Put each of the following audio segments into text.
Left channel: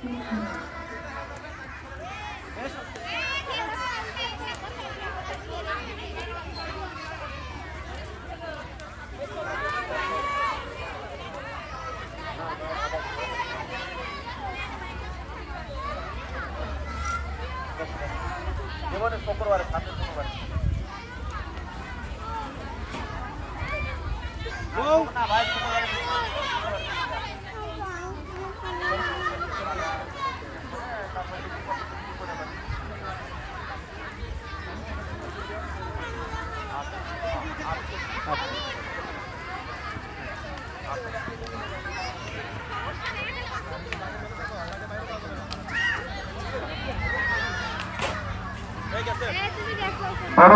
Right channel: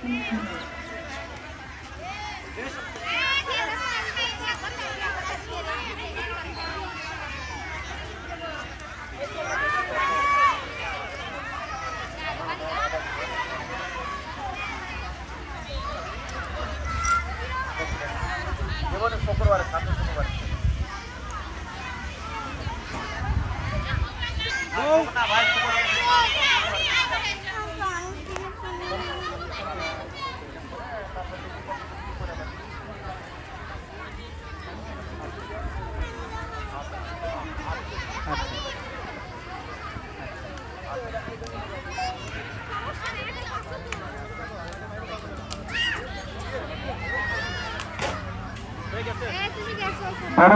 দড়ি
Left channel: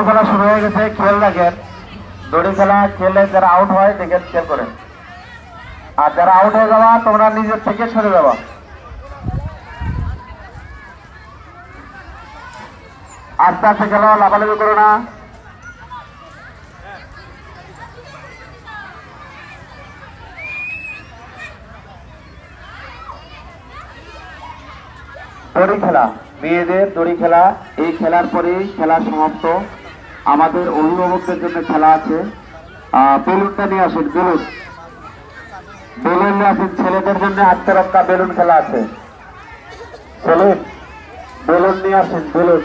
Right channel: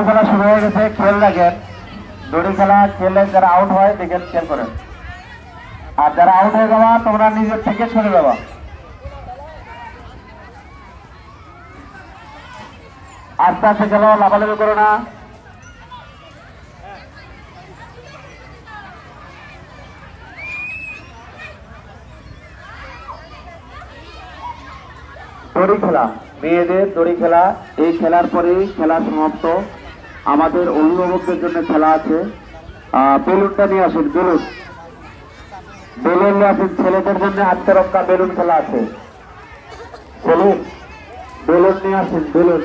খেলা শুরু হয়ে গেছে, খেয়াল রাখেন। দড়ি খেলা খেলে যারা আউট হয় দেখেন, খেয়াল করেন। আর যারা আউট হয়ে যাওয়া তোমরা নিজের থেকে ছেড়ে যাওয়া। আস্তে আস্তে খেলো, লাফালাফি করো না। দড়ি খেলা, মেয়েদের দড়ি খেলা। এই খেলার পরেই খেলা সমাপ্ত। আমাদের অভিভাবকদের জন্য খেলা আছে। বেলুনটা নিয়ে আসেন, বেলুন নিয়ে আসেন। ছেলেদের জন্য হাতে রক্ষা বেলুন খেলা আছে। বেলুন নিয়ে আসেন, বেলুন।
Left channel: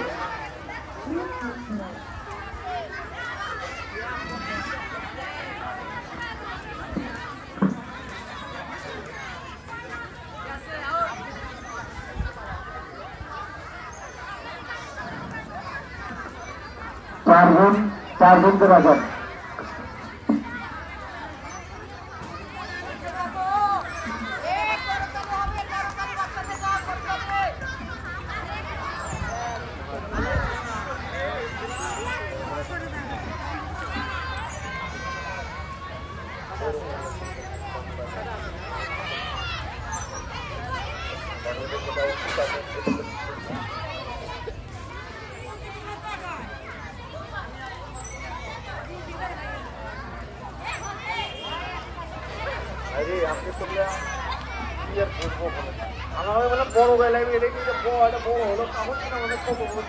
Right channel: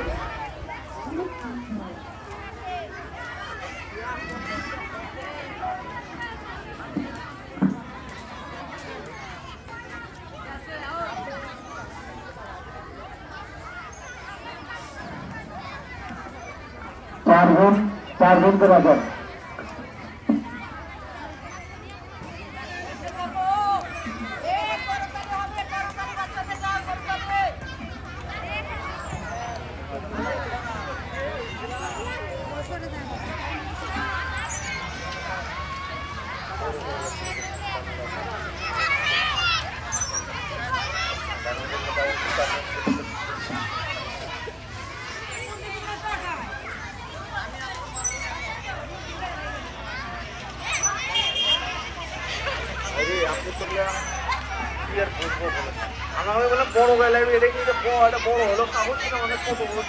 চারজন করে আসেন। বড় বেলায় এটা কি বড় হলো কাগজ কিনা মানে কত বড়।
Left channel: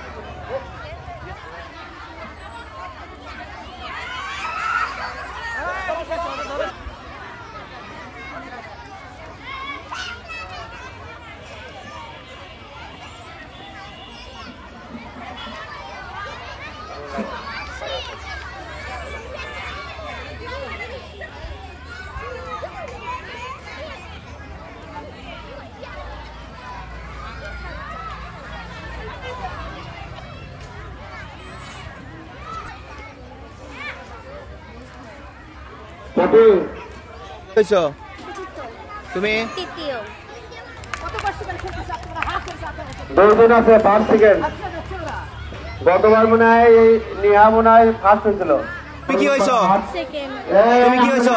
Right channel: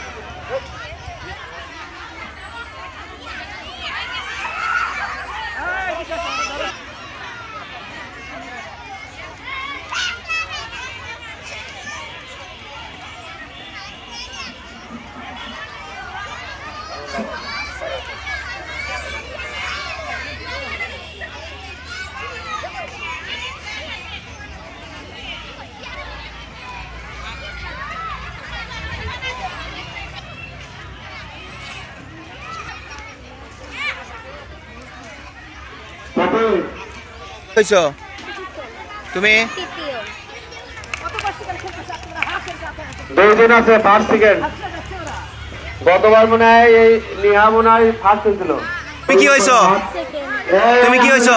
তুমি 2 দিন আছে, 5 সেকেন্ড। গতবার মনে হয় এই নিহা মনে হয় ফার্স্ট হয়েছিল। তুমি কি হয়েছো? তুমি কি হয়েছো?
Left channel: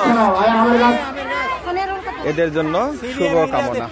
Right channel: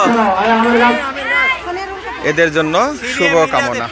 এদের জন্য শুভ কামনা।